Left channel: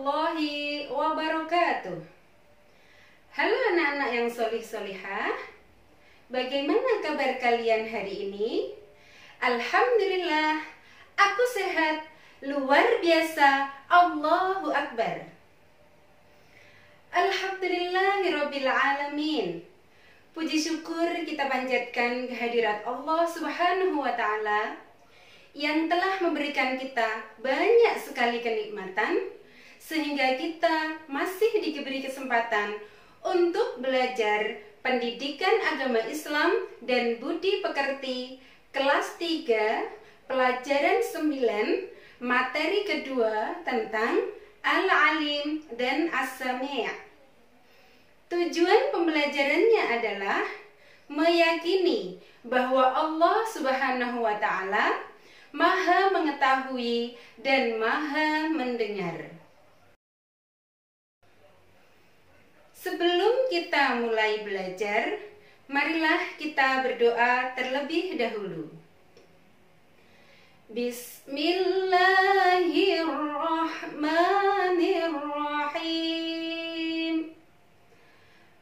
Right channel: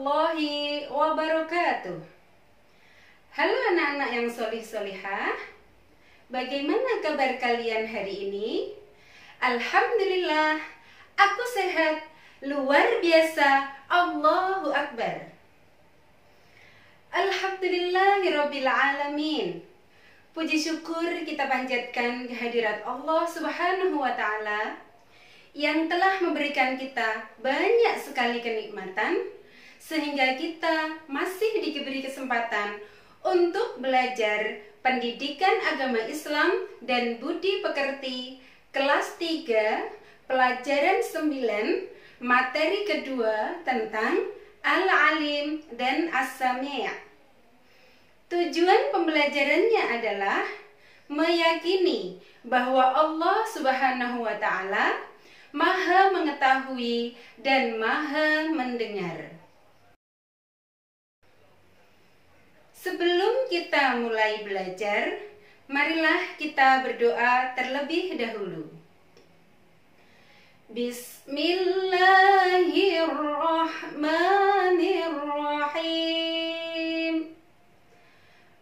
warahmatullahi wabarakatuh. Halo anak-anak yang solih-solihah, bagaimana kabar kalian hari ini? Alhamdulillah, aku sehat, luar biasa, Allahu Akbar. Alhamdulillahirabbil alamin. Puji syukur kita panjatkan kehadirat Allah Subhanahu wa Ta'ala yang telah memberikan kita banyak sekali kenikmatan sehingga kita masih diberi kesempatan untuk belajar pendidikan agama Islam dan budi pekerti kelas 3 pelajaran 9 materi kedua tentang Al-Alim dan As-Sami'. Tujuan pembelajarannya adalah meyakini bahwa Allah Subhanahu wa Ta'ala Maha mengetahui dan Maha mendengar. Sebelum kita mulai belajar, marilah kita berdoa terlebih dahulu. Bismillahirrahmanirrahim.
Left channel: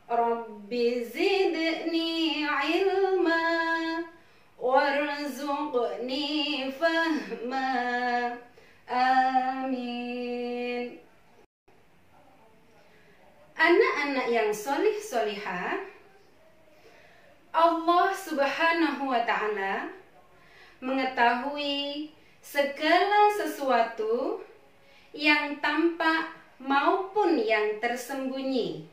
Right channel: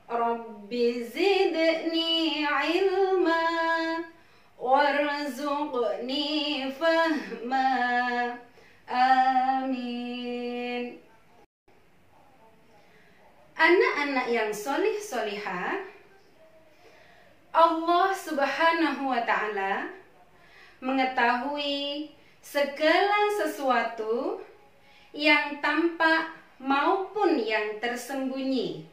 Rabbi zidni ilma warzuqni fahma. Amin. Anak-anak yang solih-solihah, Allah Subhanahu wa Ta'ala mengetahui segala sesuatu yang tampak maupun yang tersembunyi.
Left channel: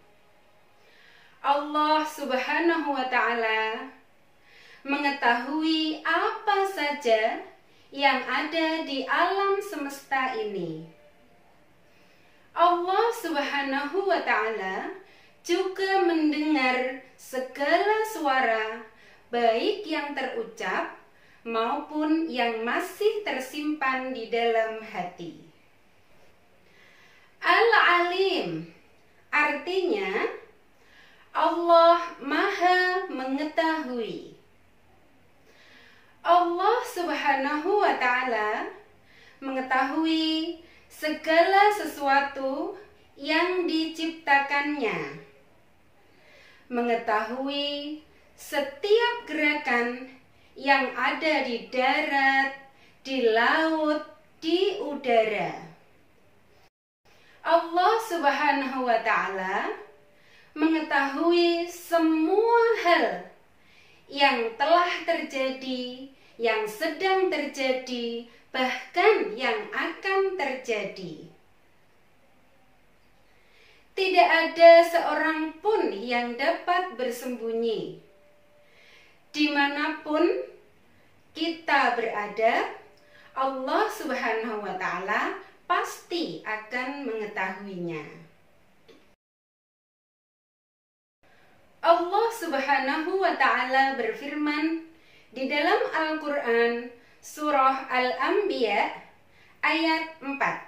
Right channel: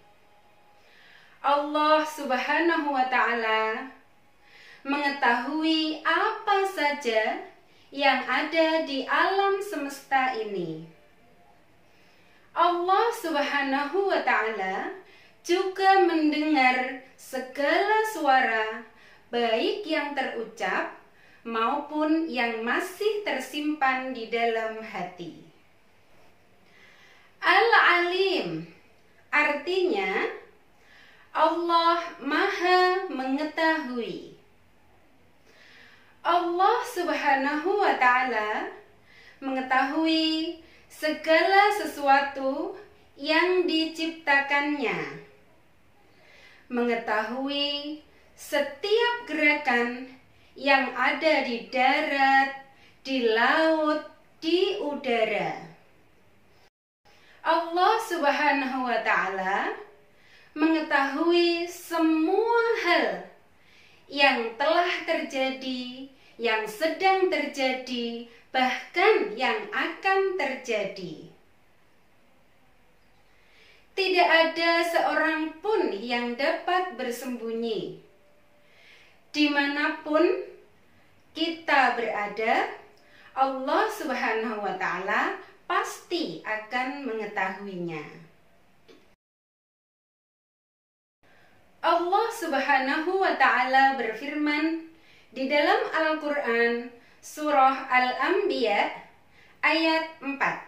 Allah Subhanahu wa Ta'ala mengetahui apa saja yang ada di alam semesta ini. Allah Subhanahu wa Ta'ala juga mendengar segala suara, baik yang terucap maupun yang masih tersimpan di dalam hati. Al-Alim artinya Allah Maha mengetahui. Allah Subhanahu wa Ta'ala mengetahui segala sesuatu yang diciptakannya, mengetahui setiap gerakan yang ada di darat, di laut, di udara. Allah Subhanahu wa Ta'ala mengetahui semua hal yang telah terjadi, yang sedang terjadi, bahkan yang akan terjadi. Tidak ada seorang pun yang dapat bersembunyi. Dimanapun kita berada, Allah Subhanahu wa Ta'ala pasti akan mengetahuinya. Allah Subhanahu wa Ta'ala berfirman di dalam Al-Quran surah Al-Anbiya ayat 4.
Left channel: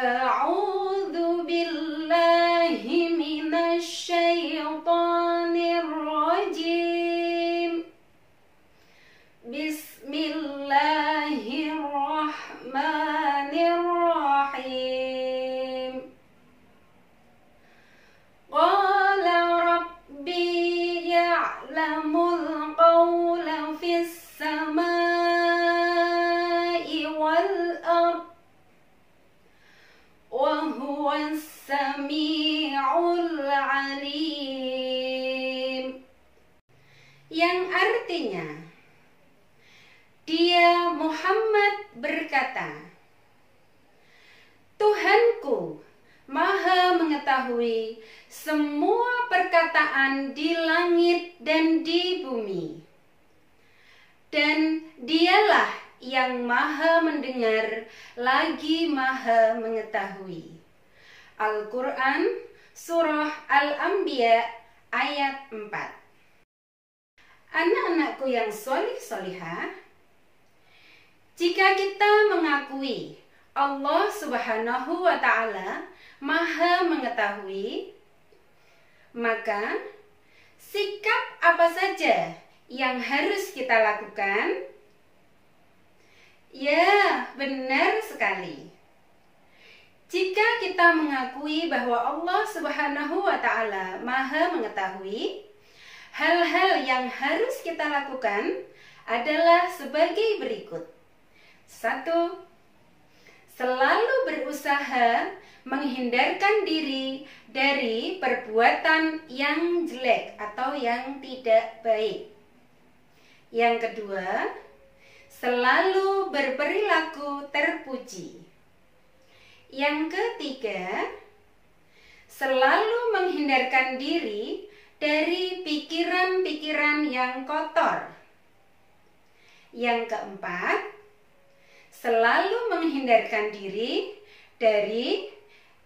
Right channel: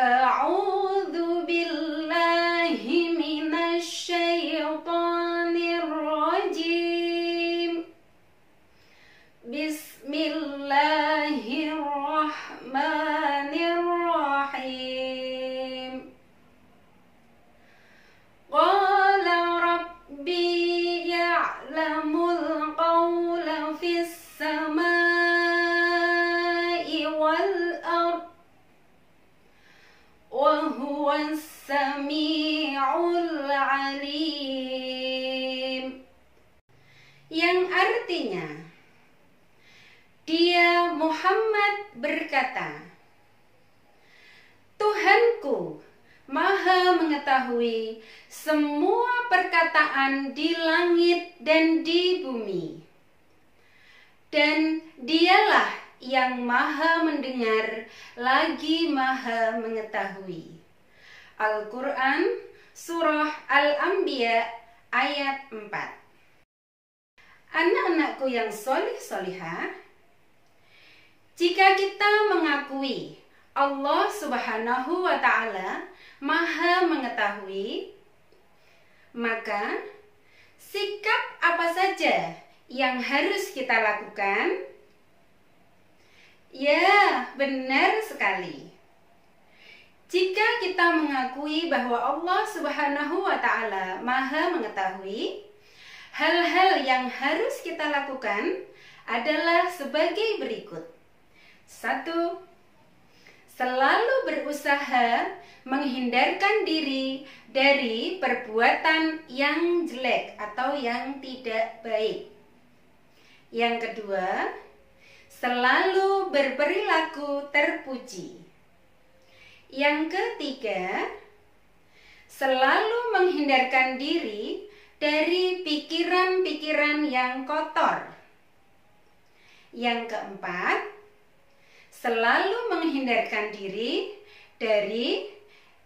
A'udzu billahi minasy syaithanir rajim. Bismillahirrahmanirrahim. Qala rabbi ya'lamul qawla fis samai wal ard wa huwas sami'ul alim. Yang artinya, dia Muhammad berkata, Tuhanku Maha mengetahui semua perkataan di langit dan di bumi, dan dialah yang Maha mendengar lagi Maha mengetahui. Al-Quran surah Al-Anbiya ayat 4. Anak-anakku yang solih-solihah, jika kita mengakui Allah Subhanahu wa Ta'ala Maha mengetahui, maka sikap apa saja yang harus kita lakukan? Ya, benar sekali. Jika kita mengakui bahwa Allah Subhanahu wa Ta'ala Maha Mengetahui, hal-hal yang harus kita lakukan adalah sebagai berikut. 1. Selalu berusaha menghindarkan diri dari perbuatan yang jelek atau yang tidak baik. Yang kedua, selalu berperilaku terpuji. Yang ketiga, selalu menghindarkan diri dari pikiran-pikiran yang kotor. Yang keempat, selalu menghindarkan diri dari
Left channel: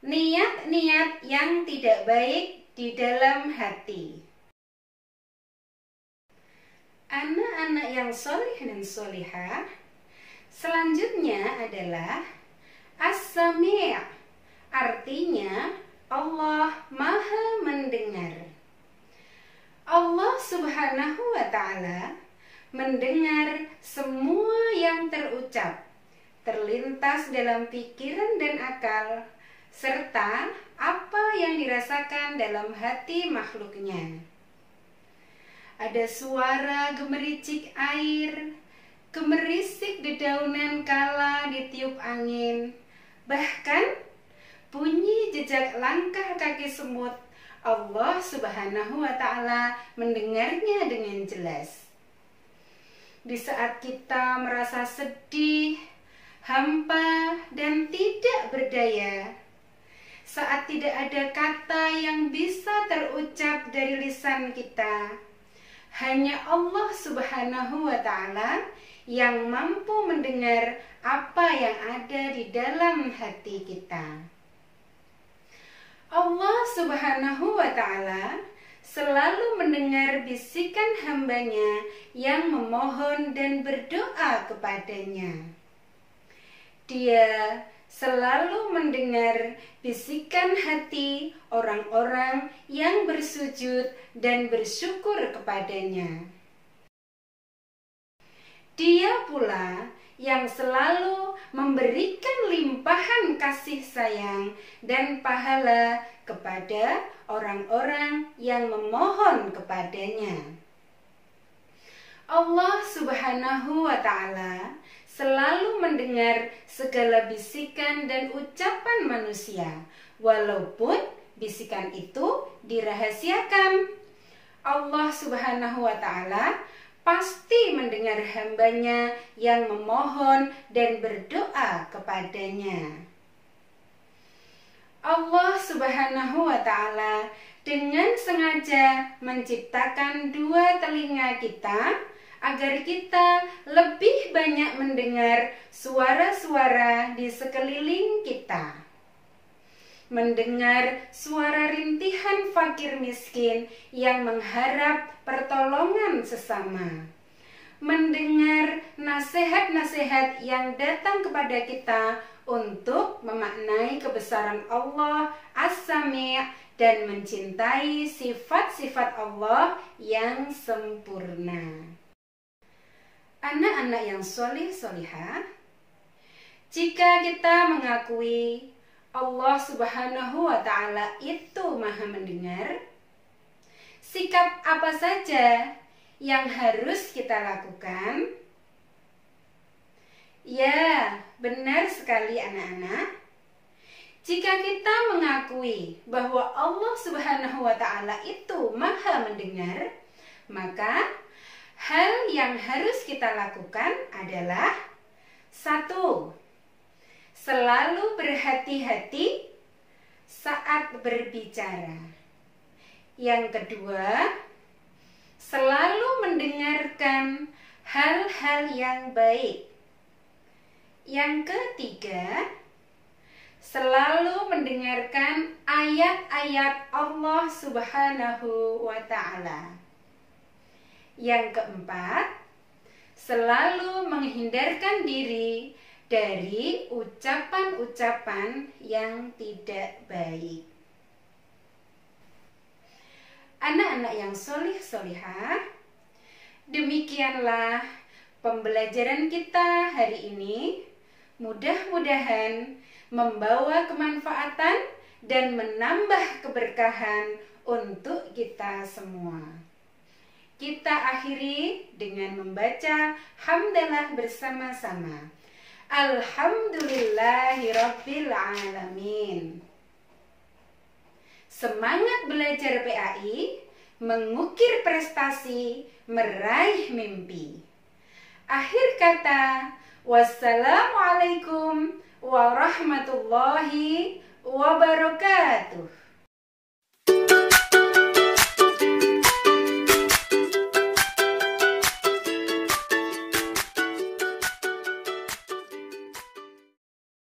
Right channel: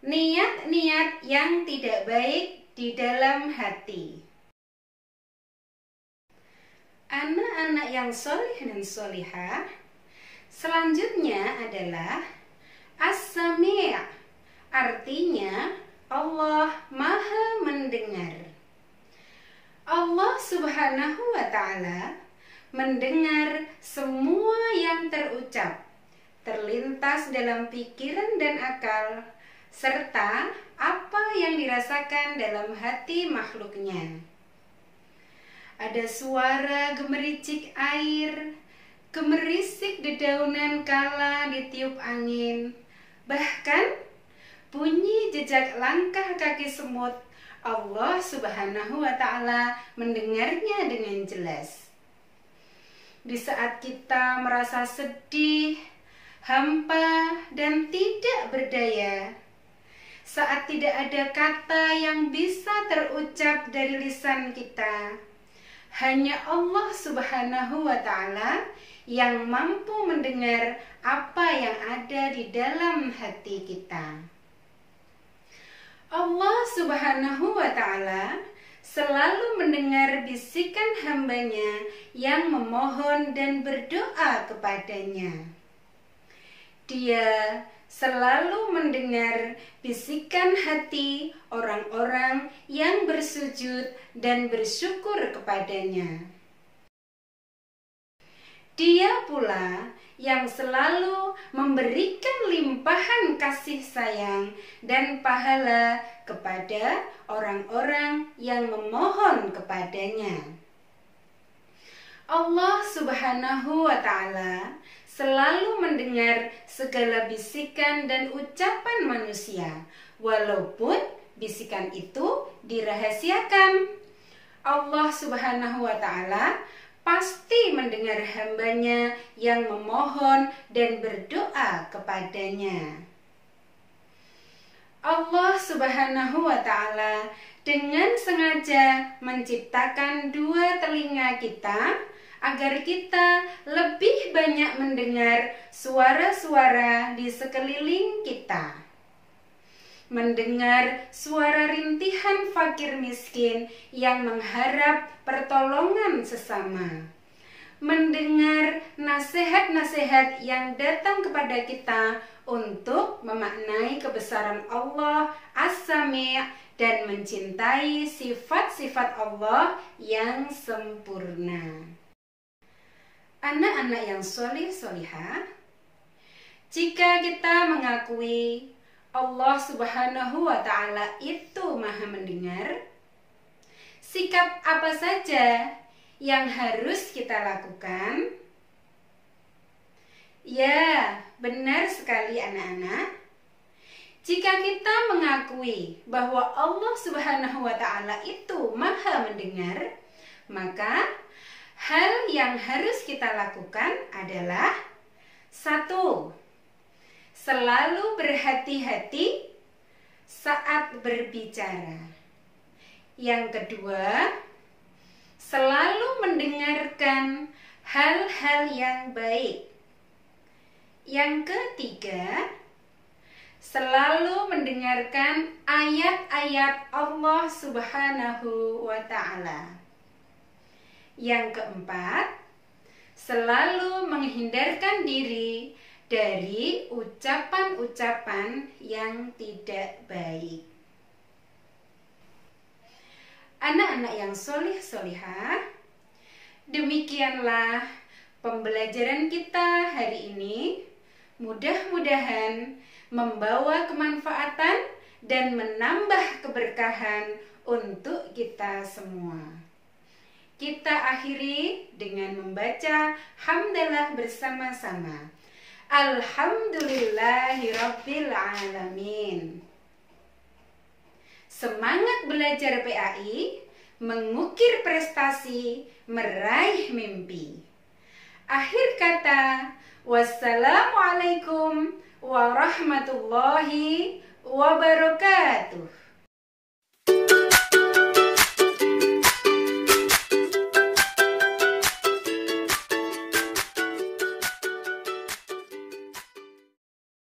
niat-niat yang tidak baik di dalam hati. Anak-anak yang solih dan solihah, selanjutnya adalah As-Sami', artinya Allah Maha Mendengar. Allah Subhanahu wa Ta'ala mendengar semua yang terucap, terlintas dalam pikiran dan akal, serta apa yang dirasakan dalam hati makhluknya. Ada suara gemericik air, gemerisik dedaunan kala ditiup angin, bahkan bunyi jejak langkah kaki semut. Allah Subhanahu wa Ta'ala mendengarnya dengan jelas. Di saat kita merasa sedih, hampa, dan tidak berdaya, saat tidak ada kata yang bisa terucap dari lisan kita, hanya Allah Subhanahu wa Ta'ala yang mampu mendengar apa yang ada di dalam hati kita. Allah Subhanahu wa Ta'ala selalu mendengar bisikan hambanya yang memohon dan berdoa kepadanya. Dia selalu mendengar bisikan hati orang-orang yang bersujud dan bersyukur kepadanya. Dia pula yang selalu memberikan limpahan kasih sayang dan pahala kepada orang-orang yang memohon kepadanya. Allah Subhanahu wa Ta'ala selalu mendengar segala bisikan dan ucapan manusia, walaupun bisikan itu dirahasiakan. Allah Subhanahu wa Ta'ala pasti mendengar hambanya yang memohon dan berdoa kepadanya. Allah Subhanahu wa Ta'ala dengan sengaja menciptakan dua telinga kita agar kita lebih banyak mendengar suara-suara di sekeliling kita. Mendengar suara rintihan fakir miskin yang mengharap pertolongan sesama. Mendengar nasihat-nasihat yang datang kepada kita untuk memaknai kebesaran Allah As-Sami' dan mencintai sifat-sifat Allah yang sempurna. Anak-anak yang solih-solihah, jika kita mengakui Allah Subhanahu wa Ta'ala itu Maha Mendengar, sikap apa saja yang harus kita lakukan? Ya, benar sekali anak-anak. Jika kita mengakui bahwa Allah Subhanahu wa Ta'ala itu Maha Mendengar, maka hal yang harus kita lakukan adalah 1. Selalu berhati-hati saat berbicara. Yang kedua, selalu mendengarkan hal-hal yang baik. Yang ketiga, selalu mendengarkan ayat-ayat Allah Subhanahu wa Ta'ala. Yang keempat, selalu menghindarkan diri dari ucapan-ucapan yang tidak baik. Anak-anak yang solih-solihah, demikianlah pembelajaran kita hari ini. Mudah-mudahan membawa kemanfaatan dan menambah keberkahan untuk kita semua. Kita akhiri dengan membaca hamdalah bersama-sama. Alhamdulillahirabbil alamin. Semangat belajar PAI, mengukir prestasi, meraih mimpi. Akhir kata, wassalamualaikum warahmatullahi wabarakatuh.